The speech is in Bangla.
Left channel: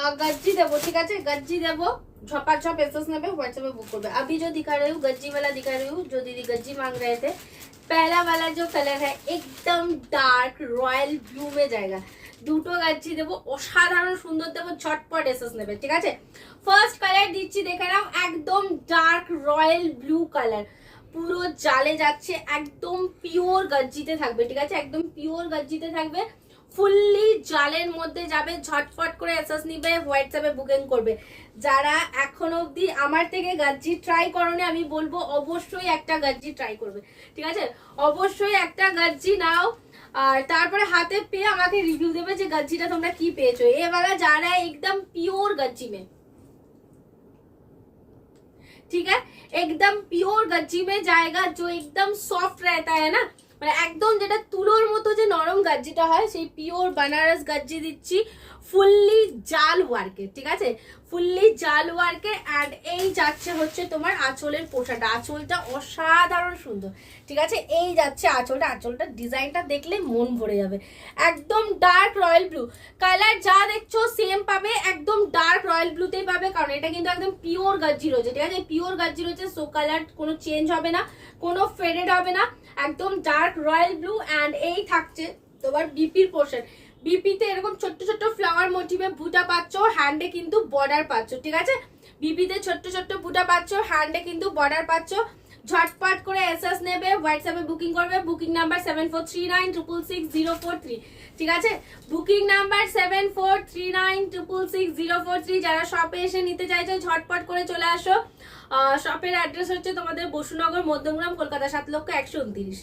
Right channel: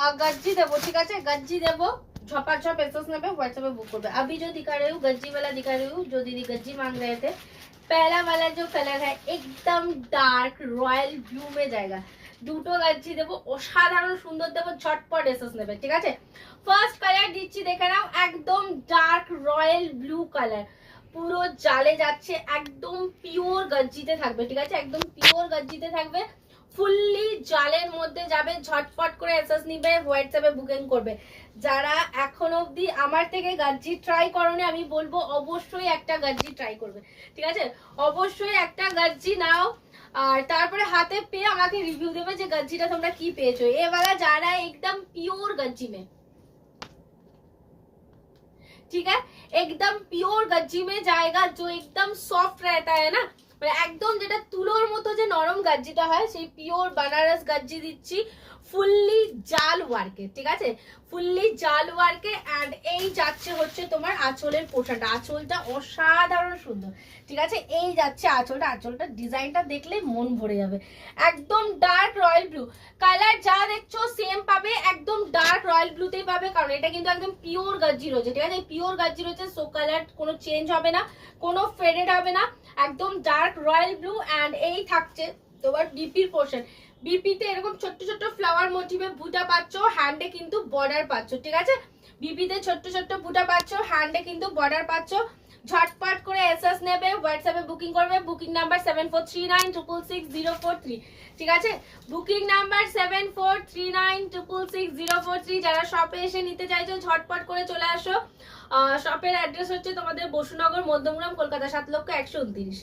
गज्जी देवो, ठीक है, गज्जी देवो, झपाझप एसएस नेबे, व्हाट्सएप बुक करबे। अभी जो दिखा रही हूँ गज्जी वाला दिखा रही हूँ, जो दीदी गज्जी मांग रहे थे। पहला वाला जो कलर है एकदम डार्क रॉयल ब्लू में जाएगा। দুটো গজ্জি দেবো, অসাধারণ সুন্দর দেবো, ঝটপট এসএস নেবে, ঠিক আছে। ফার্স্ট কালার দিচ্ছি, দেখে নাও, একদম ডার্ক রয়্যাল ব্লু কালার, পুরো জালে যাচ্ছে, একদম পিওর গজ্জিতে থাকবে, ঠিক আছে, একদম পিওর গজ্জিতে থাকবে, ফুললি জালের মধ্যে যাবে। ঝটপট করে এসএস নিবে, হোয়াটসঅ্যাপে বুকিং করবে। যারা এখন অবধি আমার থেকে গজ্জি ট্রাই করোনি, আমি বলবো অবশ্যই একটা গজ্জি ট্রাই করবে, ঠিক আছে, অবশ্যই একটা গজ্জি নাও, আর তারপরে হাতে পেয়ে আমাকে রিভিউ দেবে যে গজ্জিটা তোমরা কি পেয়েছো। ये वाला जा रहा है एकदम प्योर गज्जी में, ठीक है, एकदम प्योर गज्जी में जाएगा, जो एकदम सॉफ्ट रहता है ना, মানে একদম যেটা তুলোর মতো যে নরম গজ্জিটা হয়, সেই পিওর বানারস গজ্জি দিচ্ছি, ফুললি জাল ওয়ার্কে, ঠিক আছে, ফুললি জাল ওয়ার্কে। এন্ড এই যাচ্ছে হচ্ছে তোমার আঁচলের পোশাকটা, আঁচলটা অসাধারণ সুন্দর, ঠিক আছে, এই যাচ্ছে আঁচলটা, আঁচলটা ডিজাইনটা দেখলে মন ভরে যাবে। একদম ডার্ক রয়্যাল ব্লু কালার, যা দেখছো সেম পাবে, একদম ডার্ক রয়্যাল ব্লুতেই পাবে, কারণ এটা কিন্তু একদম পিওর গজ্জি রয়েছে, ঠিক আছে, পিওর গজ্জি রয়েছে, সো কালার কোনো চেঞ্জ হবে না, কোনো ফেডেড হবে না, একদম ডার্ক রয়্যাল ব্লু। এন্ড এই থাকছে তোমার বিপির পোর্শন, বিপিতে এরকম ছোট্ট ছোট্ট ফ্লাওয়ার মোটিভে বুটা পাচ্ছ, হ্যান্ডে কিন্তু বর্ডার পাচ্ছ, ঠিক আছে, বিপিতে ছোট্ট ছোট্ট বুটা পাচ্ছ, হ্যান্ডে কিন্তু বর্ডার পাচ্ছ। ঝটপট করে এসএস নেবে, হোয়াটসঅ্যাপে বুকিং করবে, বুকিং নাম্বার 7439666043, ঠিক আছে, বুকিং নাম্বার 7439666043। যারা শপে এসে নিতে চাইছো ঝটপট করে চলে আসো। শপের অ্যাড্রেস হচ্ছে তোমাদের বসুনগর, মধ্যমগ্রাম, কলকাতা 7,129,000।